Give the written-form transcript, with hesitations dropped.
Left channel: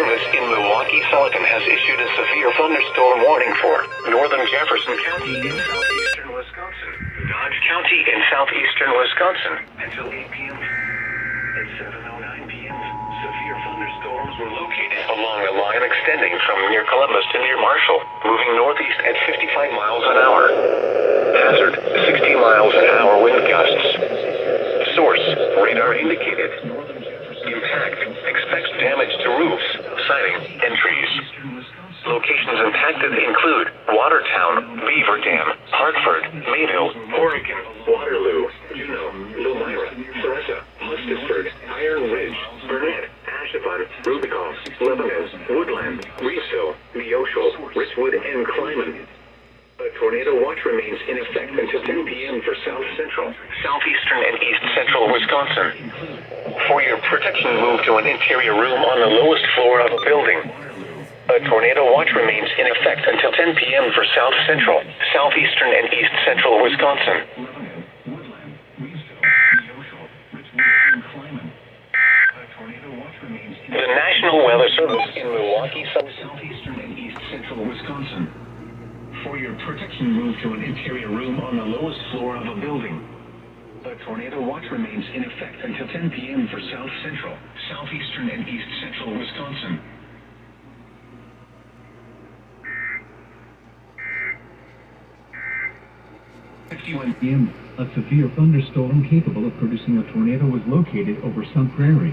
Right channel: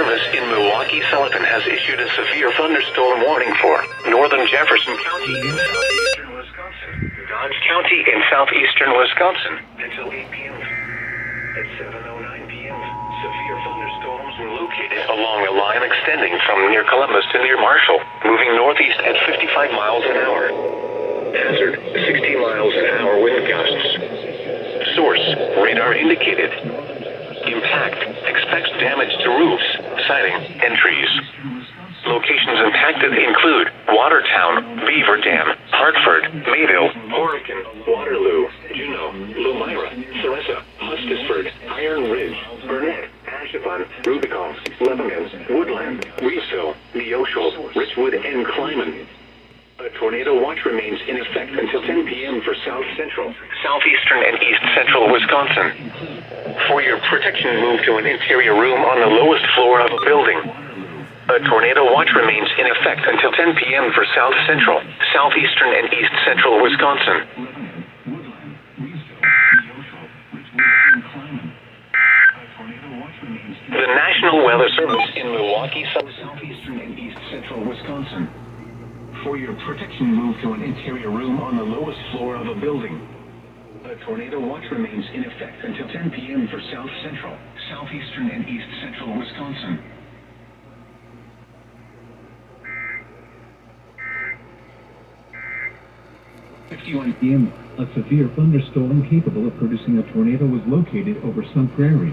Service in Milwaukee, Sullivan has issued a severe thunderstorm warning for northern Jefferson County in southeastern Wisconsin, Dodge County in southeastern Wisconsin until 8 p.m. At 7:09 p.m., severe thunderstorms were located along a line extending from near Columbus to near Marshall, moving northeast at 55 miles an hour. Hazard, 60 miles an hour wind gusts. Source, radar indicated. Impact, expects damage to roofs, siding, and trees. Locations impacted include Watertown, Beaver Dam, Hartford, Mayville, Horicon, Waterloo, Juneau, Lomira, Theresa, Hustisford, Iron Ridge, Burnett, Ashevon, Rubicon, Lebanon, Woodland, Reesville, Neosho, Richwood, and Clyman. A tornado watch remains in effect until 10 p.m. for South Central, Southeastern, and East Central Wisconsin. For your protection, move to an interior room on the lowest floor of a building. A tornado watch remains in effect until 10 p.m. for South Central, Southeastern, and East Central Wisconsin. The National Weather Service in Milwaukee, Southeastern, and East Central Wisconsin. For your protection, move to an interior room on the lowest floor of a building. A tornado watch remains in effect until 10 p.m. for South Central, Southeastern, and East Central Wisconsin. At 51 p.m., a severe thunderstorm capable of producing a tornado was located over Sun Prairie.